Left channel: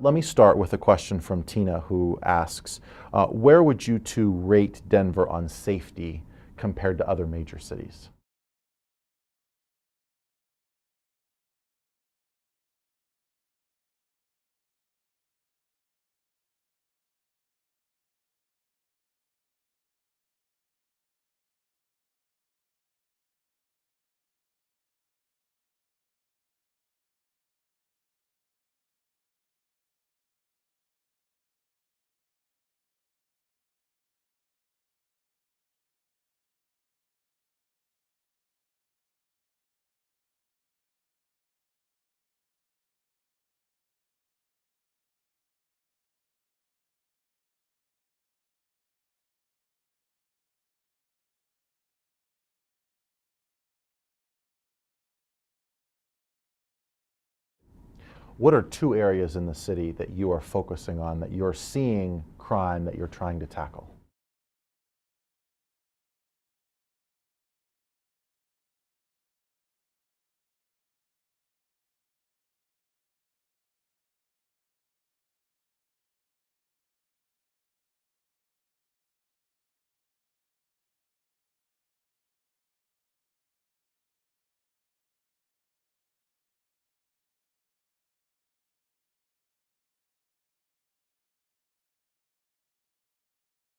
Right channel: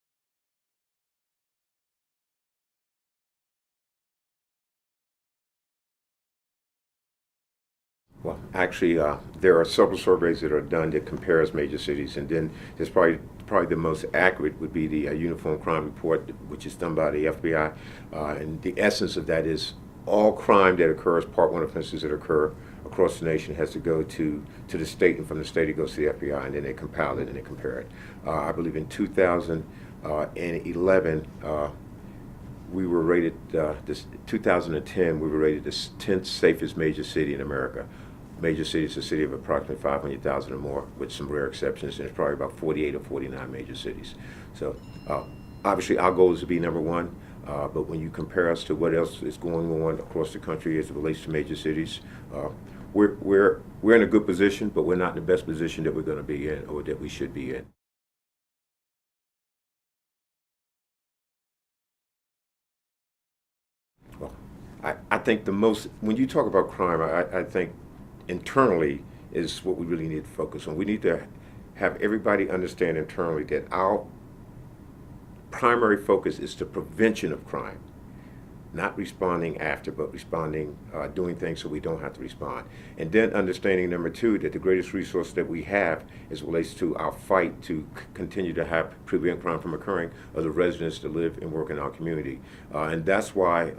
Let me start with a question from Tina, who asks, where would you two rate Denver on safety compared to other major cities? Well, actually, there are several surveys that are done that compares major cities, and then there's probably the most accurate would be the Uniform Crime Report, which is done by the FBI, and the essence of that is all crime that occurs, Part 1 offenses that occur across the nation, has to go to the state, and from the state it goes to the FBI, and then they compile it and they compare it. I believe in 2011. We were rated, 2010, we were rated the 10th safest major city in America. Major city is a city of approximately 500,000 or more, with some rare exceptions, and it's probably about 48 or 49 major cities. So obviously our goal is to be number one, but when you compare us to what else is going on across the country as it relates to major cities, we're in a good position, but we're not in the best position that we're going to be in or that we should be in. What are two areas in the city that you are focusing on, that you're seeing crime that you're trying to tackle? Well, I think the most, when you talk about crime, I think internally is what we really need to focus on. We need to have everybody understand internally that our primary focus is the prevention of crime. Not responding after, but responding, doing things so we don't have to respond. And then understanding, number two, that the greatest resource that we have as it relates to our fight to continue to prevent crime from occurring are the residents that live and work in our community. And that's why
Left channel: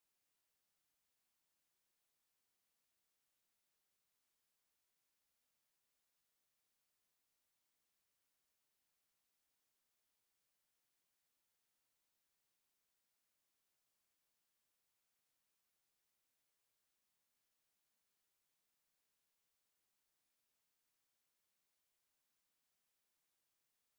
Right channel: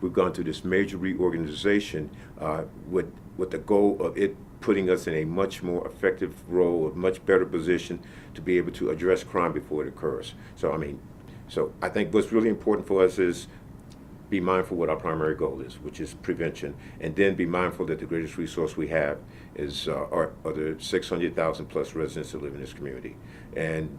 we've gone through this major reorganization with the goal of it putting us in a much more effective role, a much better position to be able to address crime before it occurs. So I think what's really important for us is be mindful what our primary goal is, which is prevention, and then be mindful that the greatest resource we have is are the 600,000 plus residents that live in this community. And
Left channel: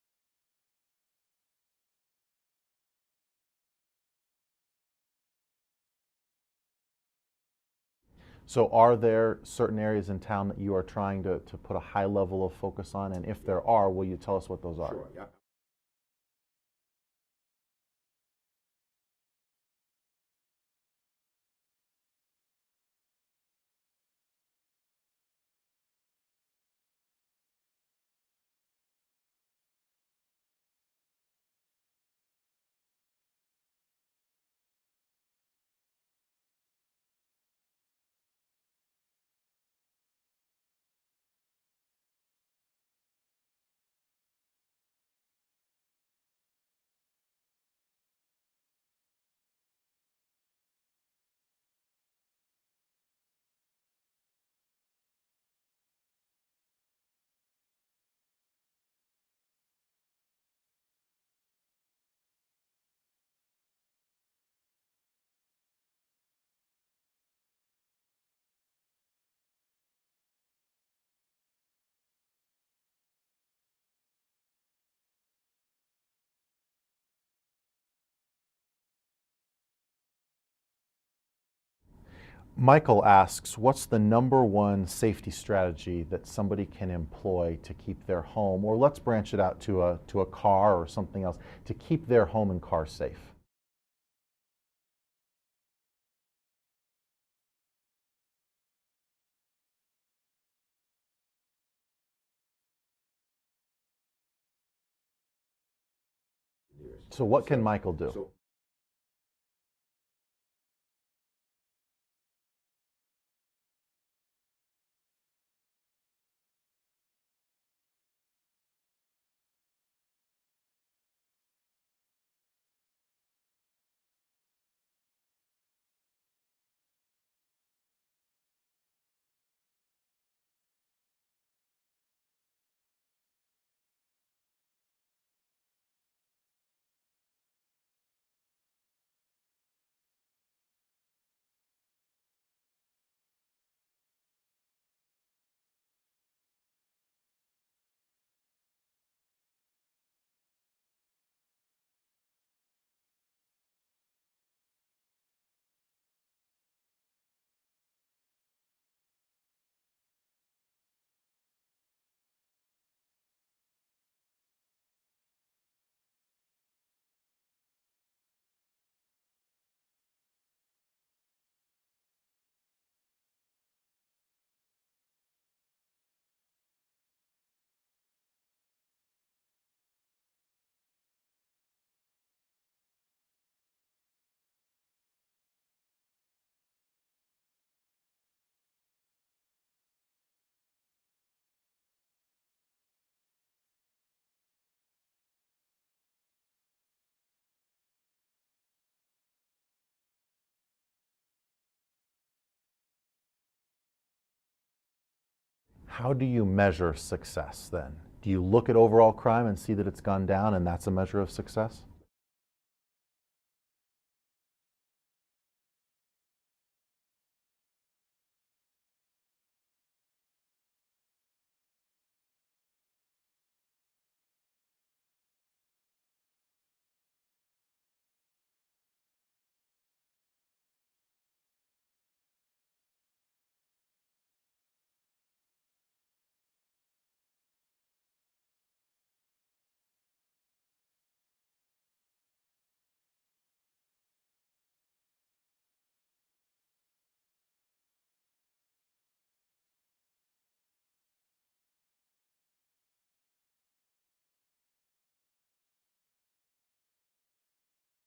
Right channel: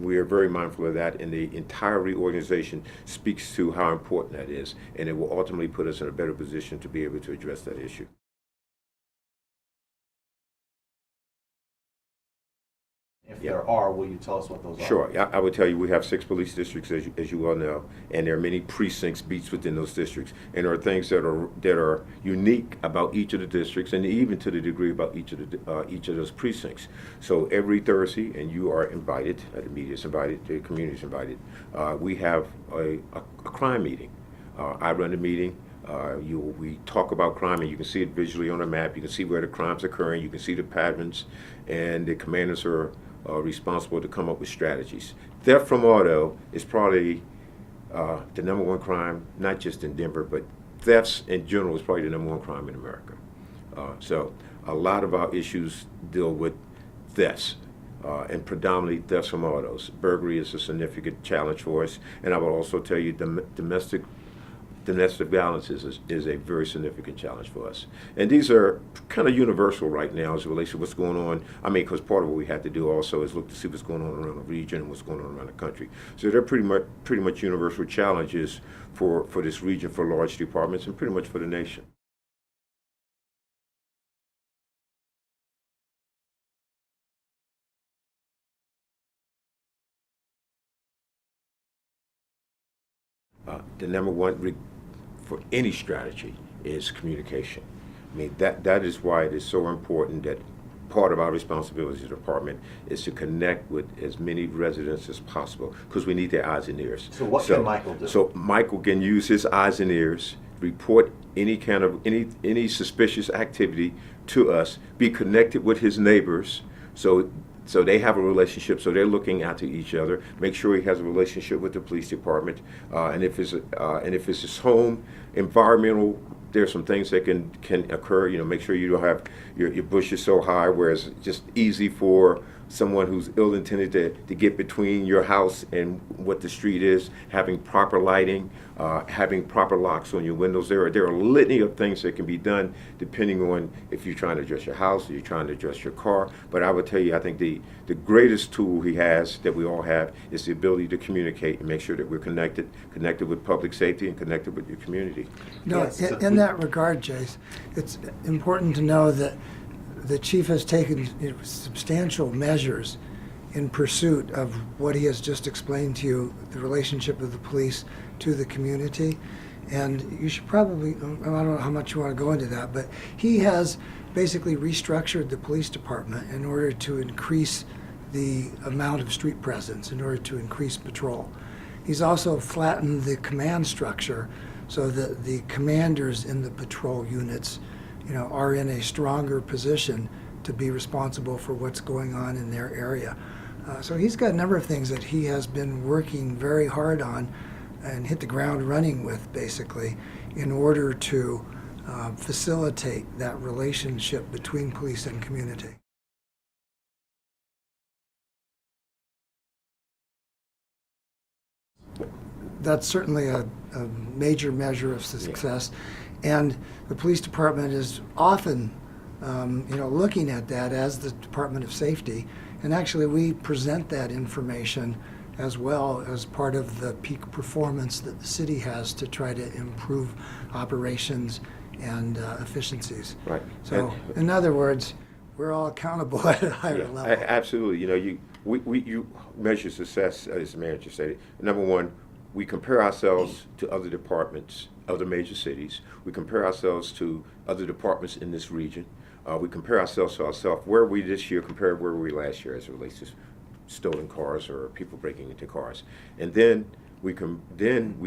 we are very mindful of that, and the entire reorganization speaks to how important that is, and it will ultimately put us in a better position to be able to address that issue. So are there certain areas in town that you are trying to put a high level of focus on? And if there are, will you tell us what those are? Sure. I would tell you we have 6 police districts, as you well know, and there are many precincts, beats within those districts. And there are things that are unique about each of the districts, and even to the degree about each of those precincts. So every Thursday, and you are invited, the media is invited, the community is invited, we have a crime meeting. I run the meeting. We talk about crime, and you can see it visually on a map. You can see where the crime's occurring. You can see the patterns, and the commanders are responsible to come up with strategies. Theft from auto is probably the #1 crime, not just in Denver, but thefts in general is probably the #1 crime in America. So a lot of our issues deal with thefts. And predominantly thefts from autos. Burglary is a significant challenge for us, and I will also tell you domestic violence is a very significant challenge for us. And these are kind of universal right now as it relates to what's going on. I mean, because part of what we have to do also is look to see what's going on around the region and what's going on around the country. So they're pretty much universal challenges for this region, for large departments, and pretty much for the nation. Michael asks, what's the #1 safety strategy that somebody can employ to keep their home, or let's branch it out to a car or something else, to keep their home and car safe? The #1 for any strategy is communication. I mean, that is why it is so important that part of our responsibility as a department is to connect with as many residents as possible, because we need their eyes and ears. So what can Michael do? So Michael can use his eyes and ears, report any suspicious activity to us, be connected with his neighbors, so they have a relationship, so they're looking out to each other. Make sure he has a relationship with the police department, and if it's his home environmental, there's some things that can occur. You know, make sure you don't have your bushes so high where it's just easy for someone who's ill-intended to get between your house and what the street is. Having proper lighting, having proper locks on your windows. There are a litany of things that can be done depending on if you're trying to address your house or you're trying to address your car. But I would tell you, I think the greatest tool he has, that we all have, is the ability to communicate and make sure that we're connected with public safety and connected with your community. No, Yes. in that regard, Jace, it's important to know that the chief has taken substantial measures in pursuit of what he has just explained to you, the relationship of the police to the community. And you should probably, I don't know how much you want to go into that, but he has basically restructured the police department in order to increase the amount of street presence in order to increase patrol. He's also flattened the command structure so that the commanders in the patrol units, are in a stronger position to be responsible for what's going on in their area. So he's got a number of things that he has been working very hard on and hit the ground running with, basically, in order to facilitate that relationship between police and community. How do you measure success then? Do you look at overall crime and see that it's gone down and that's a measure of success? That's certainly a major measure of success. And the police department is often, looking at that as the Department of Safety. And actually, we present that information as well as part of the peak performance that the city has to try to improve operations and efficiencies. Right. So, in other words, we're all accountable at a higher level. Absolutely. You measure success, as the manager said. Number one, we compare ourselves to other departments, other major cities. We compare ourselves to other departments in this region. We compare ourselves to ourselves. Where are we this year compared to where were we last year as it relates to stolen cars or people breaking into cars? And then we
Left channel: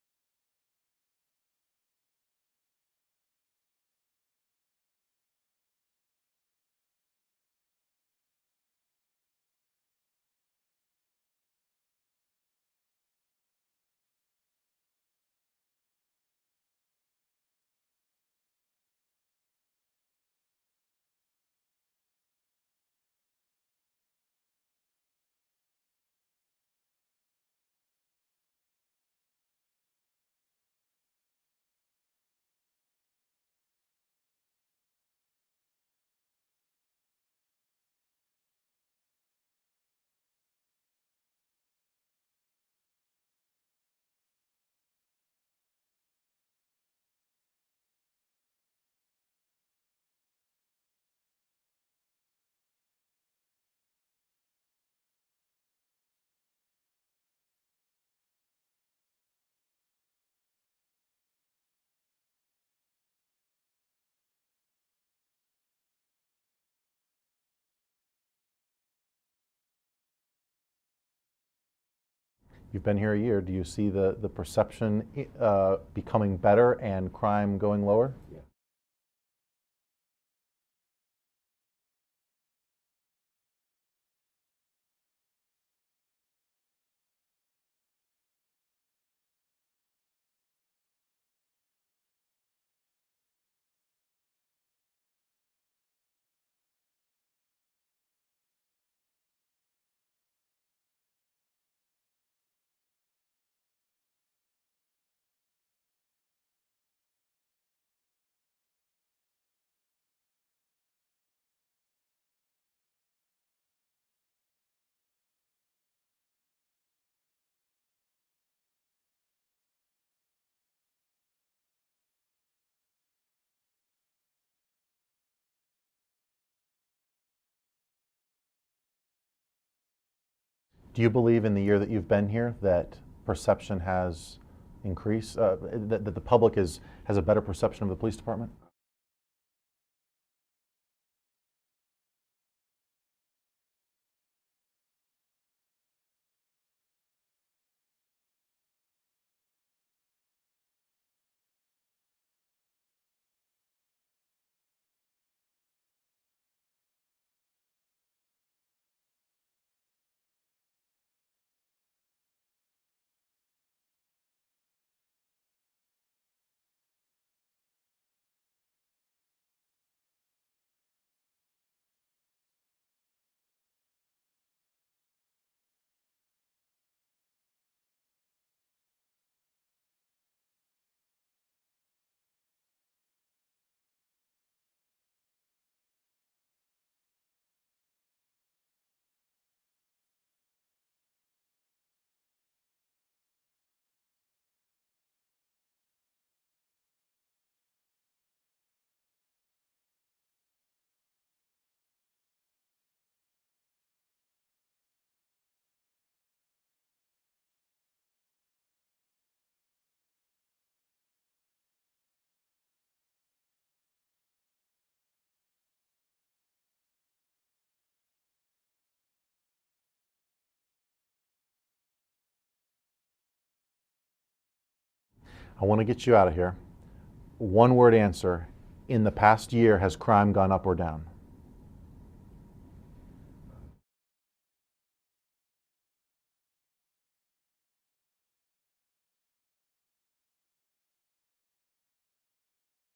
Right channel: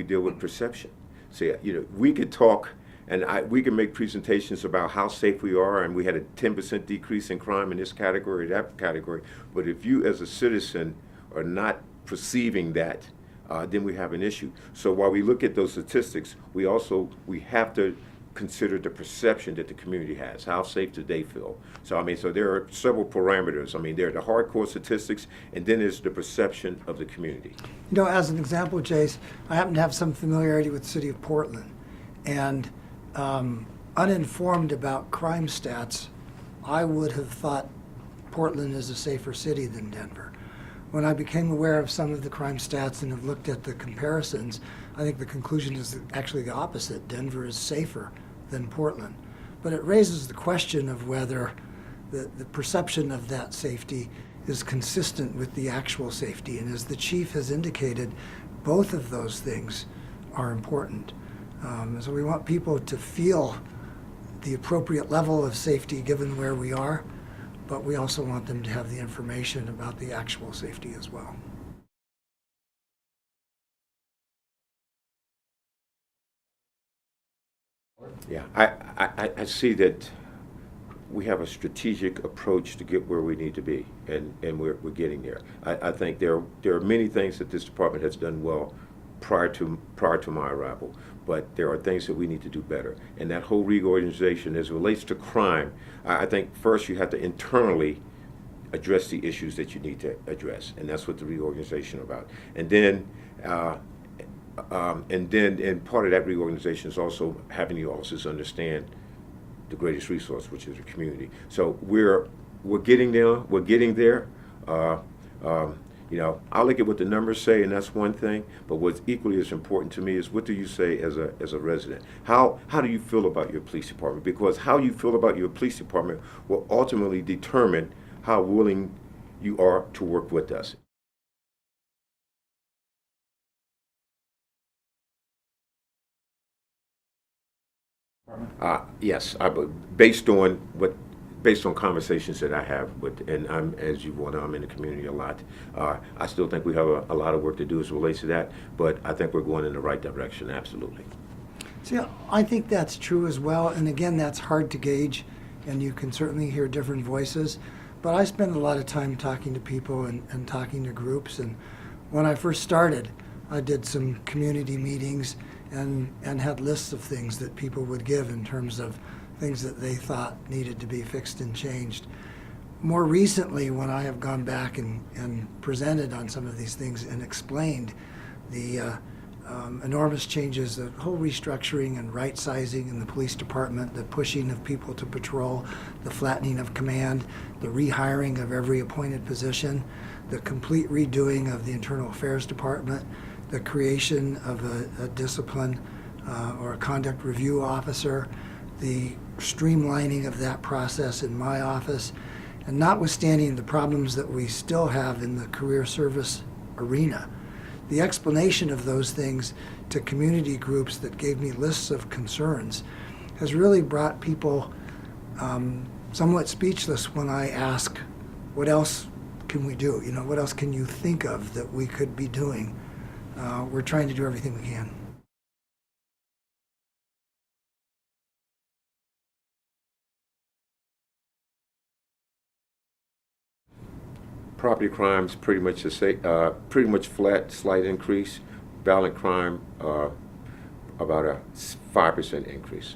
deal with perception. So, we could talk and we can make presentations about how safe we are, and we had a 10% decrease in crime in this category, that category. But if you as a citizen are not perceiving that, then we have an issue. So while we look at those statistics, we have to consider the perception that the community has. How safe do they feel? So so there are several parameters. There are the hardcore statistics, and then there's the perception of the community. As an example, Jace, I happen to have some familiarity with the city of Portland, and uninformed about crime stats, I would have thought Portland is a safer city than Denver. When I became aware of some of the crime stats and have looked at the comparisons, I think the conclusion is actually the opposite. Denver is safer than Portland. But it raises the question of whether the perception of that safety is consistent with the actual safety. And as the chief has indicated, both of those things are important. So we want people to feel the appropriate level of safety given where we are, but we also want them to have the information about the actual safety as well. You've been here a year. Do you see the perception becoming better and crime going lower? Yeah, I see that we have a strategic approach to get where we need to be, and we're getting there. I think there are many things that this department has done well prior to my arrival, but there are things that we need to do better. And that whole reorganization, as it relates to crime, I think first you have to internally address the issues that you need to address, and that's what the reorganization is about. And then part of that reorganization is also having the officers understand the greatest resource, which is the community. So we're getting there. We're getting there. I look at what the numbers say, and that's one thing. But what's equally as important to me is what do you say as a resident? How do you feel about your police department? Because how you feel about your police department will ultimately determine how willing you are to work with us. Do you believe in the year that you've been here that perception has increased, that the public has a better perception of the police department? Yes, based on conversations that I have with, and as you know, I'm in the community a lot. I still think we have a lot of work to do as it relates to that, but I think we're going in the right direction, absolutely. See, I think that's true as well, and again, that's hard to gauge, and you can certainly hear different voices. But I spend a lot of time talking to people and talking to groups, and when I first started, I did some community meetings and had lists of things that people would give in terms of things that they thought needed to be fixed and changed. More recently, when I have gone back and presented on some of these things and explained the enormous changes, the whole restructuring and right-sizing in the police department, the pushing of people to patrol, the flattening of command, the rehiring of every appointed position, the complete redoing of the internal affairs department, the creation of a discipline or a conduct review officer, the streamlining of that process in my office, and notwithstanding the problems that we still have in the career service arena, the explanation of those things to community groups that gave me lists of concerns has really brought people somewhat speechless when I ask, what else can we do? You know, what else can you think of that we could be doing? We're trying to do everything we can. I want to get you out of here. One word answer. In the past year, has crime gone up or down? Property crime's pretty much pretty much flat, slight increase. Violent crime, about a 5% increase.